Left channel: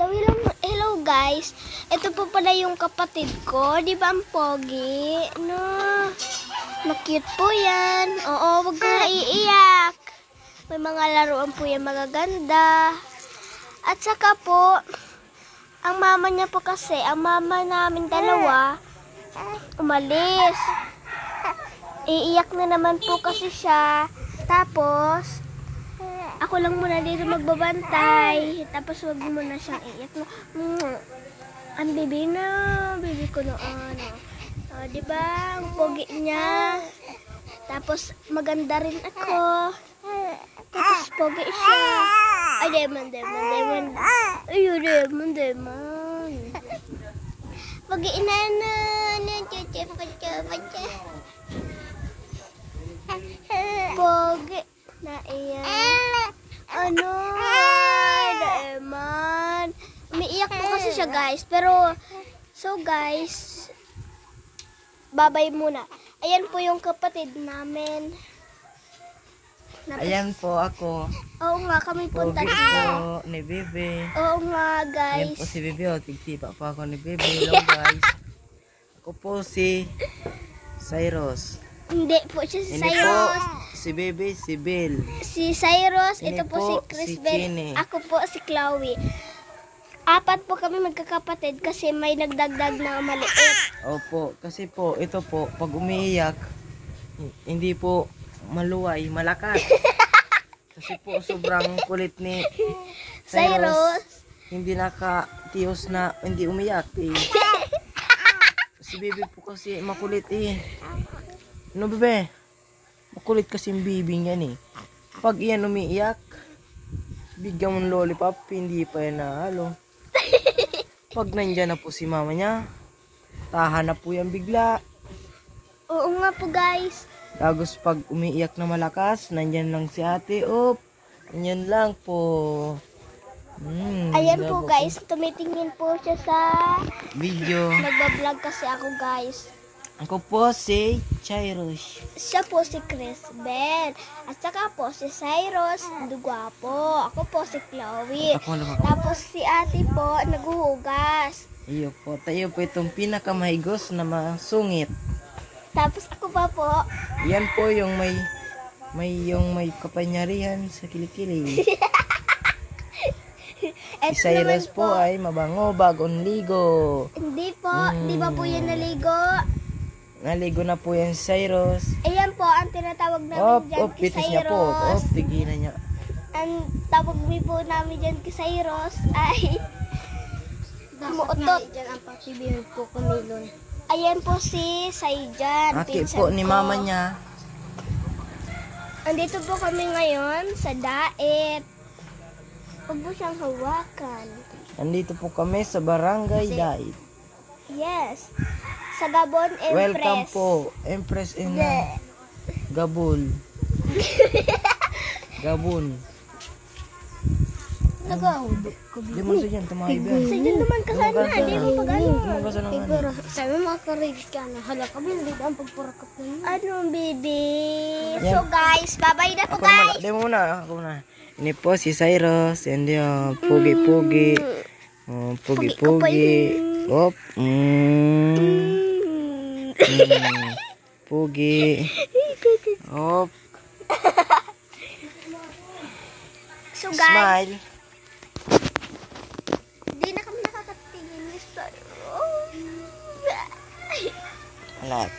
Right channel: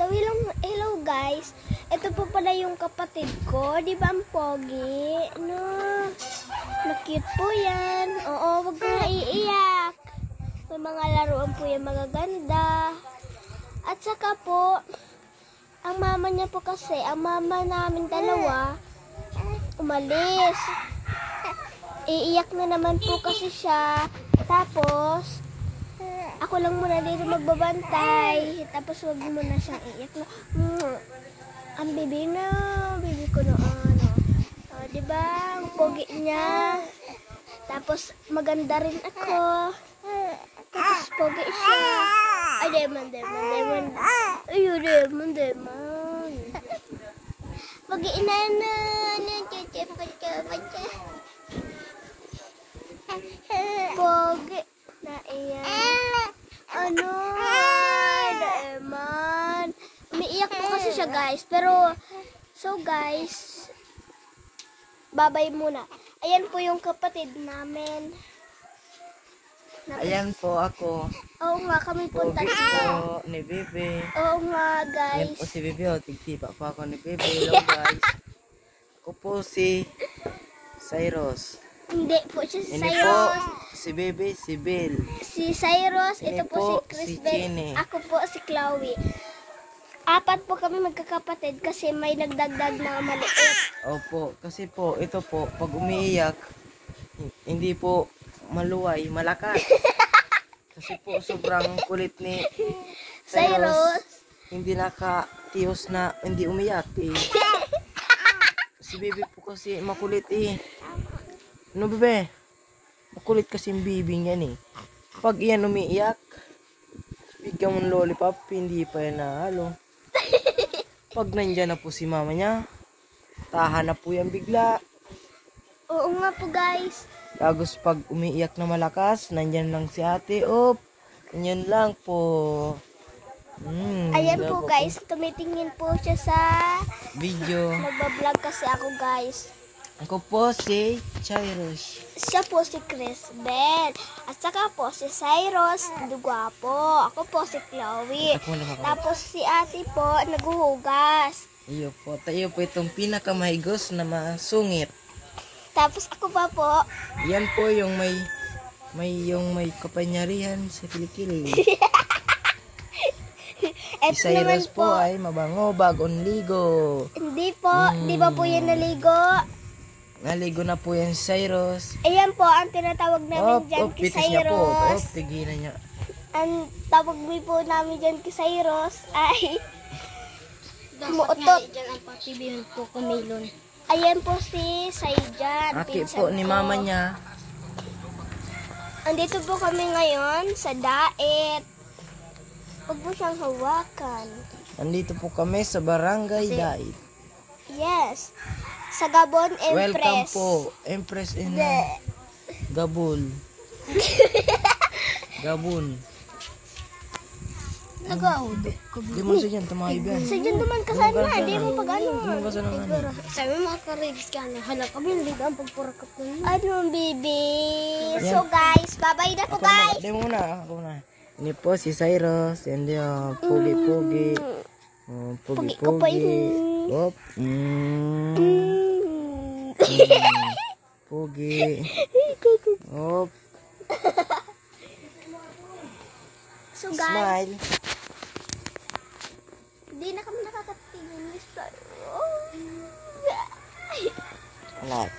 So, hello guys. Ito po pala yung kapatid ko. Di ba ang pogi? No? Makute po yan. Oo, wag ka iiyak. May mga laruan po yan magaganda. At saka po, ang mama niya po kasi, ang mama namin dalawa, umalis. Iiyak na naman po kasi siya. Tapos, ako lang muna dito magbabantay. Tapos wag mo na siyang iiyak. Ang baby ko noon. Diba? Ang pogi niya. Tapos maganda rin ako. Tapos pogi siya. Ay, demon. Ayun, demon. Pogi inana. Pogi. Na iyan. Ano? Demon. Umiiyak po kasi siya guys. Pero, so guys, babay muna. Ayan po yung kapatid namin. Ayan po ako. Oo nga, kami po Pogi po ni Bebe. Oo nga guys. Ayan po si Bebe. Tigsipa po ako ni Bebe. Hello guys. Ako po si Cyrus. Hindi po siya si Ini po Cyrus. si Bebe, si Bill. Si Cyrus, Ini ito po si po Chris si Bell. Chine. Ako po si Chloe. Apat po kami magkakapatid kasi may nagdagdag na maliit. Opo, kasi po, ito po, pag umiiyak, hindi po maluway, malakas. Kasi po, sobrang kulit ni Cyrus. Hindi nakatiyos na hindi umiyak eh. Si Bebe po kasi makulit eh. Ano Bebe? Makulit kasi yung Bebe niyan eh. Pag iyan umiiyak, bigyan mo ng lollipop, hindi pa yan nahalo. Pag nandyan na po si mama niya, tahan na po yan bigla. Oo nga po guys. Tapos pag umiiyak na malakas, nandyan lang si ate. Op, ganyan lang po. Ayan po guys, tumitingin po siya sa video. nagbablog kasi ako guys. Ako po si Cyrus. Siya po si Chris Bell. At saka po si Cyrus, Dugwapo. Ako po si Chloe. Tapos si ate po, naghuhugas. Iyo po, tayo po itong pinakamahigos na masungit. Tapos ako pa po, Yan po yung may kapanyarihan sa kilikili. Si Cyrus po ay mabango, bagong ligo. Hindi po, di ba po yan naligo? Naligo na po yan si Cyrus. Ayan po, ang tinatawag namin dyan kay pitis niya po. Cyrus. Tigilan niya. Ang tawag po namin dyan kay Cyrus ay Dapat nga dyan ang pagsibihan po kumilon. ayan po si Saijan. Aki pinsan po ni ko. mama niya. Andito po kami ngayon sa Daet. Huwag mo siyang hawakan. Andito po kami sa Barangay Dait. Yes. Sa Gabon, Empress. Welcome po, Empress in Gabon. Gabon. Nag-audok ko. Di mo siya dyan, tumakib yan. Sa dyan naman kasana. Hindi mo pag-ano. Di mo kasi ng ano. Sabi mo makakaribis ka na. Hala ka hindi ka ang pagpurakap na yun. Anong baby? Yan. So guys, bye-bye na po Ako naman, guys. di mo muna, ako muna. Ini po si Cyrus, and yung pugi-pugi. Pugi-pugi. Op. Pugi. Op. So guys, Smile. hindi na kami nakakatingin ni Cyrus. Alat.